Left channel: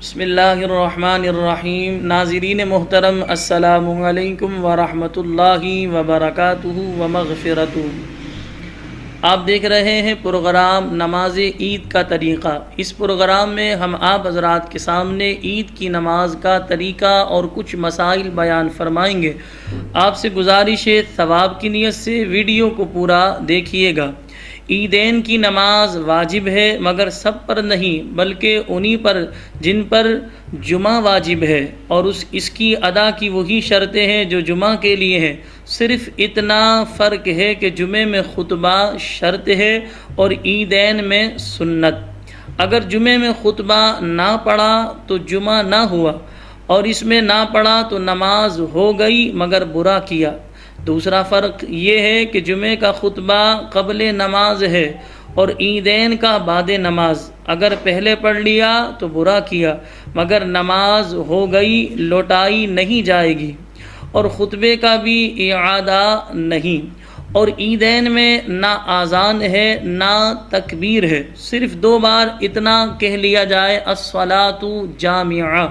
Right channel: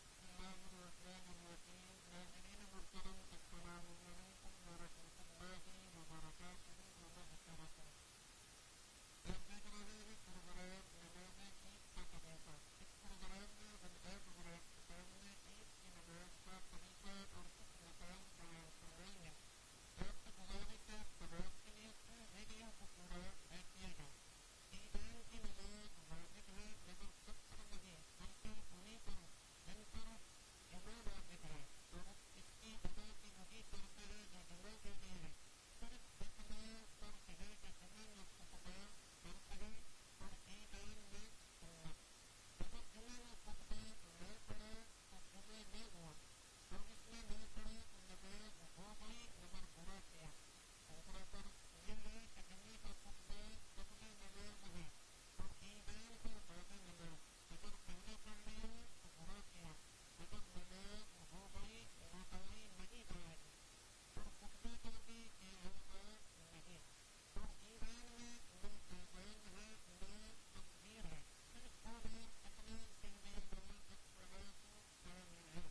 بسم اللہ الرحمن الرحیم۔ ناظرین محترم، السلام علیکم ورحمۃ اللہ وبرکاتہ ومغفرتہ۔ آپ دیکھ رہے ہیں پروگرام نماز عید کا طریقہ۔ اس پروگرام میں ہم آپ حضرات کے سامنے عید کی نماز کا طریقہ اور کچھ مسائل بیان فرمائیں گے۔ آپ سے گزارش ہے ثواب کی نیت سے ویڈیو کو پورا دیکھیے گا۔ عیدین کی نماز واجب ہے مگر سب پر نہیں، بلکہ انہی پر جن پر جمعہ واجب ہے، اور اس کی ادا کی وہی شرطیں ہیں جو جمعہ کے لیے ہیں۔ صرف اتنا فرق ہے کہ جمعے میں خطبہ شرط ہے اور عیدین میں سنت۔ اگر جمعے میں خطبہ نہ پڑھا تو جمعہ نہ ہوا، اور اس میں نہ پڑھا تو نماز ہو گئی مگر برا کیا۔ دوسرا فرق یہ ہے کہ جمعے کا خطبہ قبل نماز ہے اور عیدین کا بعد نماز۔ اگر پہلے پڑھ لیا تو برا کیا، مگر نماز ہو گئی، لوٹائی نہیں جائے گی، اور خطبے کا بھی اعادہ نہیں۔ اور عیدین میں نہ اذان ہے نہ تکبیر ہے، صرف 2 بار اتنا کہہ لیا جائے الصلاۃ جامعہ۔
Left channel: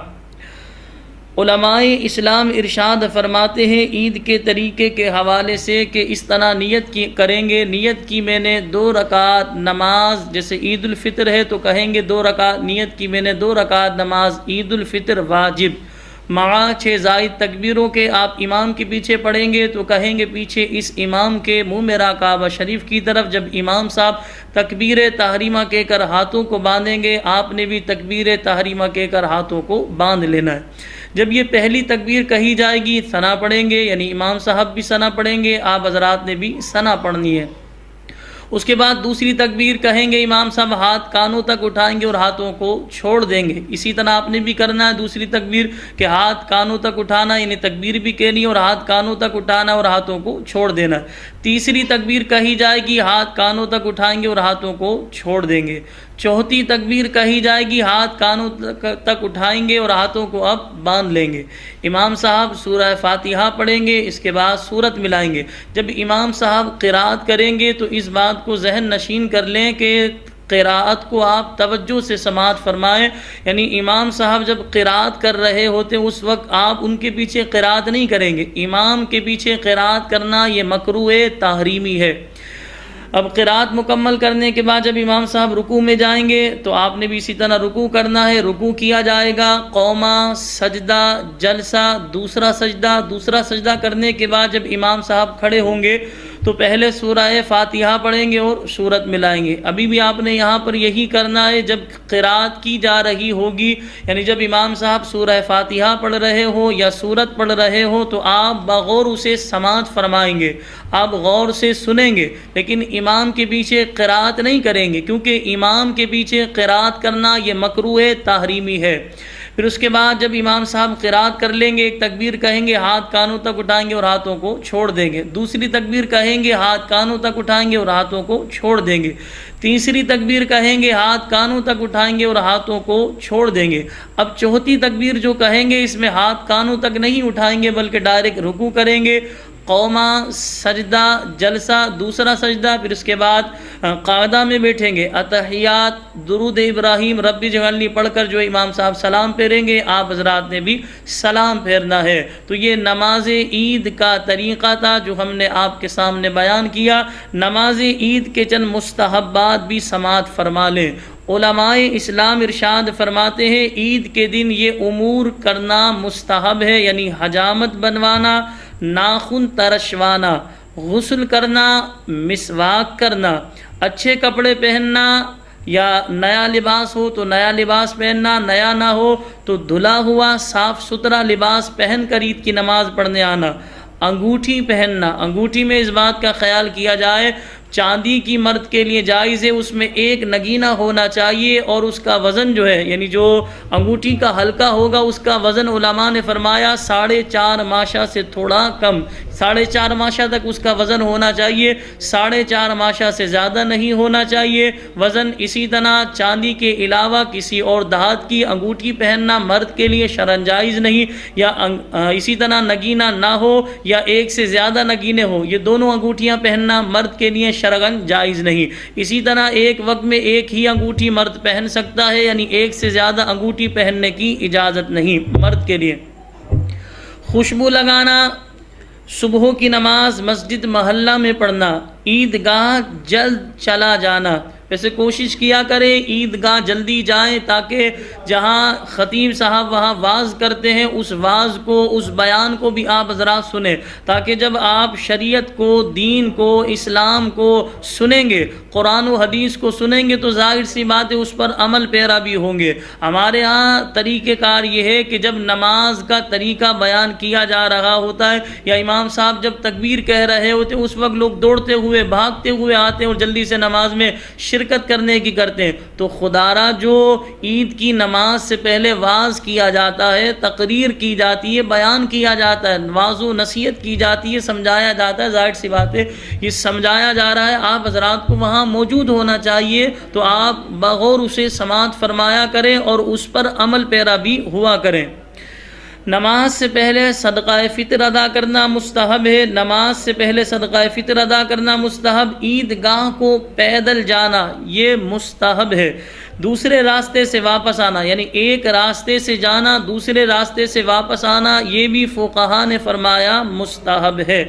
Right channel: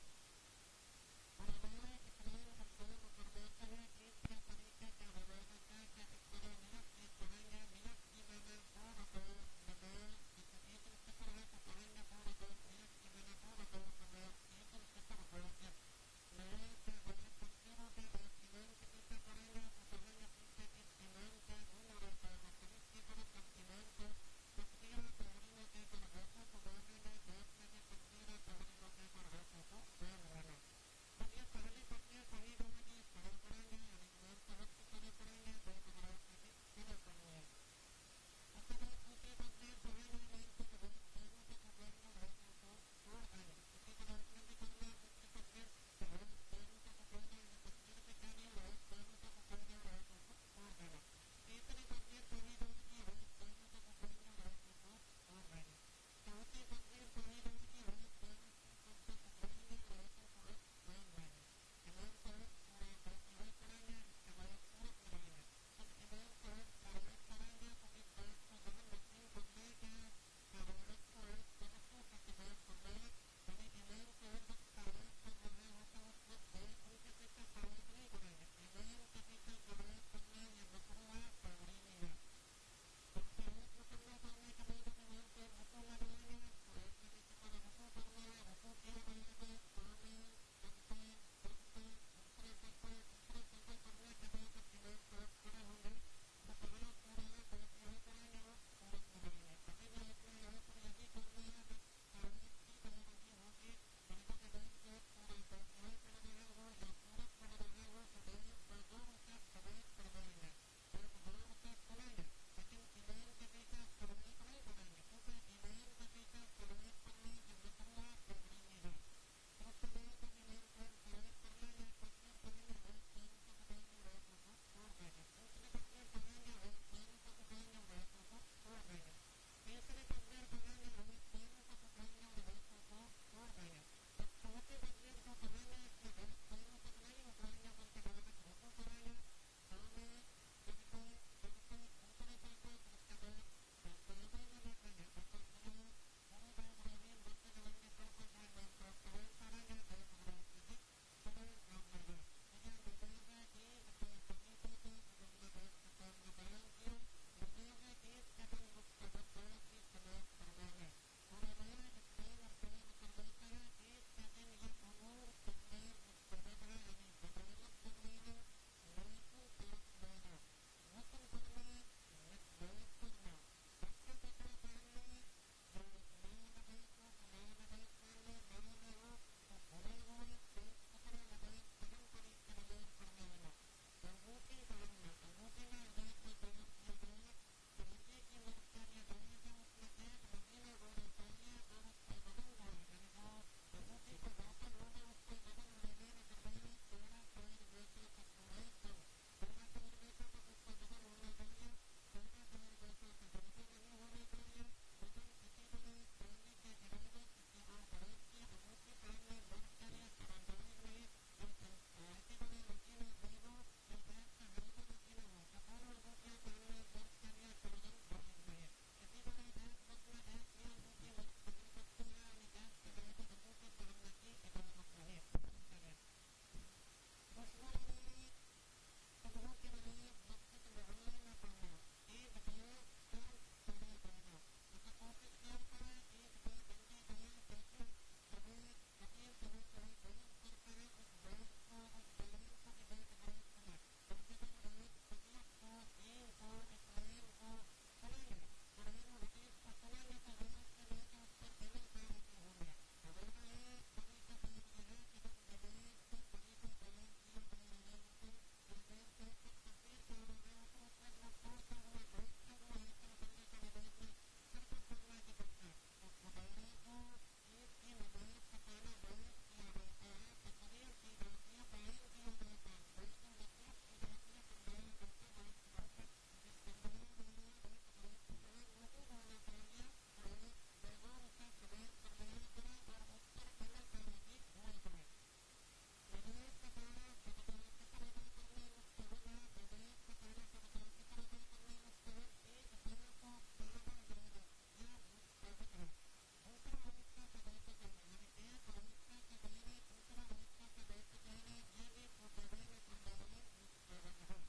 علماء اسلام ارشاد فرماتے ہیں عید کے طریقے کے حوالے سے کہ اس طرح نیت کریں گے۔ نیت کی میں نے 2 رکعت نماز، جیسے عید الفطر ہے تو کہیں گے 2 رکعت، نیت کی میں نے 2 رکعت نماز عید الفطر واجب، مع 6 زائد تکبیروں کے۔ آپ امام کے پیچھے پڑھیں گے تو کہیں گے پیچھے اس امام کے منہ میرا کعبہ شریف کی طرف۔ جب امام صاحب تکبیر تحریمہ کہہ کر ہاتھوں کو باندھیں گے، آپ نے بھی تکبیر تحریمہ کہہ کر ہاتھوں کو باندھ لینا ہے۔ جب یہ پہلی تکبیر کہی جائے گی ثنا پڑھیں گے، یعنی امام صاحب بھی ثنا پڑھیں گے، آپ حضرات نے بھی ثنا پڑھنی ہے۔ اس کے بعد دوسری تکبیر کہیں گے، امام صاحب ہاتھ کانوں تک اٹھائیں گے اور ہاتھوں کو چھوڑ دیں گے۔ اسی طرح آپ نے بھی کرنا ہے دوسری تکبیر کہ ہاتھ کانوں تک اٹھانا، یعنی تکبیر بھی کہنی ہے اور ہاتھ کانوں تک اٹھانا اور ہاتھوں کو چھوڑ دینا ہے۔ تیسری تکبیر کہی جائے گی، ہاتھ کانوں تک اٹھائیں گے اور ہاتھوں کو چھوڑ دیں گے۔ چوتھی تکبیر کہی جائے گی، ہاتھ کانوں تک اٹھائیں گے اور ہاتھوں کو اب باندھ لیں گے۔ امام صاحب سورہ فاتحہ پڑھیں گے، اس کے بعد سورت ملائیں گے۔ جب امام صاحب قرات کریں گے تو اس بات کو ذہن نشین کر لیں کہ قراءت کو آپ توجہ سے سماعت فرمائیں، یعنی امام صاحب جب قراءت کر رہے ہوتے ہیں اس وقت آپ ان کے پیچھے قراءت نہیں کریں گے۔ امام کے پیچھے قراءت کرنا یہ مکروہ تحریمی ہے۔ اب قراءت مکمل کرنے کے بعد جب امام صاحب رکوع میں جائیں گے تو آپ نے بھی اسی طرح رکوع کرنا ہے۔ رکوع کیا جائے گا، قوما، سجدہ، جلسہ، دوسرا سجدہ کرنے کے بعد جب امام صاحب کھڑے ہوں گے تو پہلے سورہ فاتحہ پڑھیں گے اور سورت ملائیں گے۔ ابھی بھی آپ نے یہاں پر یہی کرنا ہے، جب قراءت کی جا رہی ہوگی، یعنی جب امام صاحب سورہ فاتحہ پڑھ رہے ہو یا سورت پڑھ رہے ہو تو آپ بغور اسے سماعت فرمائیں گے، آپ غور سے سنیں گے، لیکن امام کے پیچھے قراءت نہیں کریں گے، کیونکہ امام کے پیچھے قراءت کرنا یہ مکروہ تحریمی ہے۔ پھر اس کے بعد جب امام صاحب قراءت کر لیں گے، ایک تکبیر کہیں گے، ہاتھ کانوں تک اٹھائیں گے اور ہاتھوں کو چھوڑ دیں گے۔ دوسری تکبیر کہیں گے، ہاتھ کانوں تک اٹھائیں گے اور ہاتھوں کو چھوڑ دیں گے۔ تیسری تکبیر کہیں گے، ہاتھ کانوں تک اٹھائیں گے اور ہاتھوں کو چھوڑ دیں گے۔ اب چوتھی تکبیر جو کہیں گے اس میں ہاتھ کانوں تک نہیں اٹھائیں گے بلکہ ڈائریکٹ رکوع کریں گے، قوما، سجدہ، جلسہ، دوسرا سجدہ، پھر اس کے بعد قاعدہ میں بیٹھیں گے۔ اتحیات، درود ابراہیم، رب اجعلنی پڑھ کر جو امام صاحب سلام پھیریں گے آپ حضرات نے بھی سلام پھیرنا ہے۔ تو یہ نماز عید کا طریقہ تھا جو ہم نے آپ کے سامنے بیان کیا۔ نماز عید کے چند مستحبات بھی سماعت فرما لیں۔ علماء اسلام ارشاد فرماتے ہیں عید کے دن یہ امور کرنا مستحب ہے، یعنی حجامت بنوانا، ناخن ترشوانا، غسل کرنا، مسواک کرنا، اچھے کپڑے پہننا، یا نیا لباس ہو تو نیا لباس پہننا، نیا نہ ہو تو دھلا ہوا صاف ستھرا لباس پہن کر عید کی نماز پڑھنے آنا۔ انگوٹھی پہننا، انگوٹھی میں اس بات کا خیال کیا جائے چاندی کی مرد کے لیے جائز ہے، اس میں 1 نگینہ ہونا چاہیے، اور اس کا وزن جو ہے، یعنی جو انگوٹھی کا حلقہ ہوگا اس کا وزن علماء نے فرمایا 4.5 ماشا سے تھوڑا کم، 4.5 ماشا تک اس کا وزن ہونا چاہیے، 4.5 ماشا سے زیادہ نہیں ہونا چاہیے وزن۔ اسی طرح چاندی کے علاوہ کسی اور دھات کی انگوٹھی پہننا مرد کے لیے شرعاً جائز نہیں، یا اسی طرح نگینہ نہ ہو یا 1 سے زیادہ نگینے ہو، یہ دونوں انگوٹھیاں پہننا مرد کے لیے شرعاً جائز نہیں۔ اسی طرح ایک وقت میں ایک ہی انگوٹھی مرد پہن سکتا ہے، یعنی ایک سے زیادہ انگوٹھی پہننے کی اجازت نہیں مرد کے لیے۔ خوشبو لگانا، صبح کی نماز مسجد محلہ میں پڑھنا، عیدگاہ جلد چلا جانا، ویسے کوشش کیا کریں عیدگاہ جلدی جائیں تاکہ جہاں خطیب صاحب وہاں واعظ کرتے ہیں اس واعظ کو، اس بیان کو بھی آپ حضرات سنیں، تاکہ جب آپ شریعت کو، دین کو، اسلام کو سنیں گے، قرآن و حدیث کو سنیں گے تو ظاہر سی بات ہے اس پر عمل پیرا بھی ہوں گے۔ ہمارے ہاں طریقہ کار یہ ہے کہ جب نماز کا طریقہ بیان کیا جا رہا ہوتا ہے یا امام صاحب جب تکبیر کہہ رہے ہوتے ہیں اس وقت لوگ دوڑتے ہوئے بھاگتے ہوئے آتے ہیں اور جلدی سے نماز میں شرکت کرنے کی کرتے ہیں، تو خدارہ جو عید کی نماز سے پہلے واعظ کیا جاتا ہے، تقریر کی جاتی ہے، بیان کیا جاتا ہے، واعظ و نصیحت کی جاتی ہے، سمجھایا جاتا ہے، ظاہر سی بات ہے یہ سمجھایا جا رہا ہے، آپ حضرات کو وہاں موجود ہونا چاہیے، تو آپ بغور اسے سماعت فرمایا کریں اور اس پر عمل پیرا بھی ہوا کریں۔ نماز سے پہلے صدقہ فطر ادا کرنا مستحب ہے، نماز سے پہلے صدقہ فطر ادا کرنا مستحب، عیدگاہ کو پیدل جانا یہ مستحب ہے، دوسرے راستے سے واپس آنا، یعنی ایک راستے سے جانا دوسرے راستے سے واپس آنا یہ بھی فقہا نے فرمایا مستحب ہے۔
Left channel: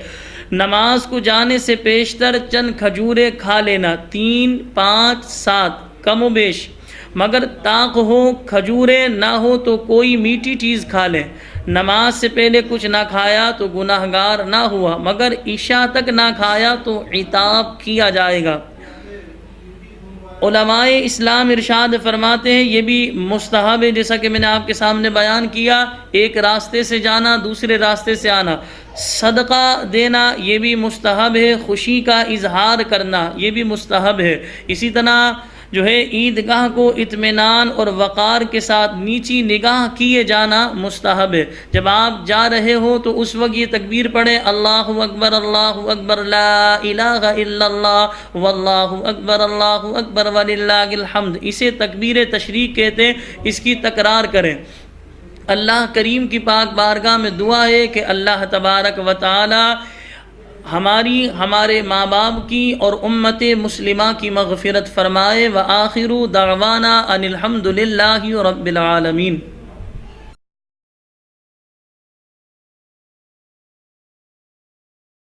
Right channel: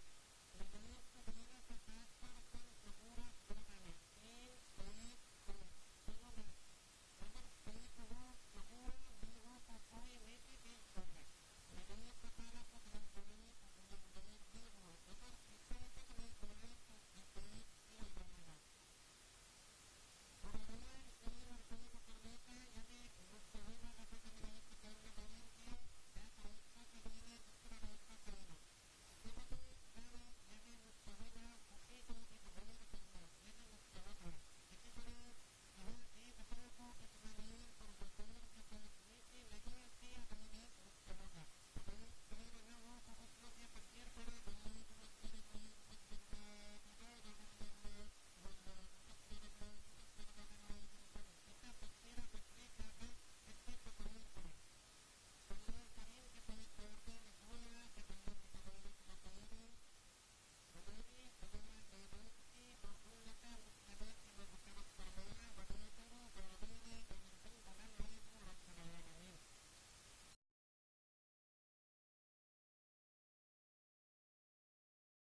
نماز کو جانے سے پیشتر چند کھجوریں کھا لینا، 3، 5، 7 کم و بیش، مگر طاق ہو، کھجوریں نہ ہو تو کوئی میٹھی چیز کھا لیں۔ نماز سے پہلے کچھ نہ کھایا تو گناہگار نہ ہوا، مگر عشاء تک نہ کھایا تو عتاب کیا جائے گا۔ علماء اسلام ارشاد فرماتے ہیں یہ بھی مستحب ہے، جیسا کہ میں نے آپ کے سامنے بیان کیا، ایک راستے سے جانا دوسرے راستے سے آنا، صدقہ دینا یہ بھی مستحب ہے، خوشی کا اظہار کرنا یہ بھی مستحب ہے، اسی طرح جو ہے عیدگاہ کو اطمینان اور وقار کے ساتھ نیچی نگاہ کیے جانا مستحب ہے۔ جب آپ جا رہے ہو تو اس وقت یہ تکبیر پڑھیں، اللہ اکبر لا الہ الا اللہ واللہ اکبر وللہ الحمد، اسے تکبیر تشریق کہتے ہیں، اس کی تکرار کریں۔ اللہ کریم کی پاک بارگاہ میں دعا ہے کہ اللہ تبارک و تعالی ہمارے ماں باپ کی اور امت مسلمہ کی مغفرت فرمائے۔ وآخر دعوانا ان الحمد للہ رب العالمین۔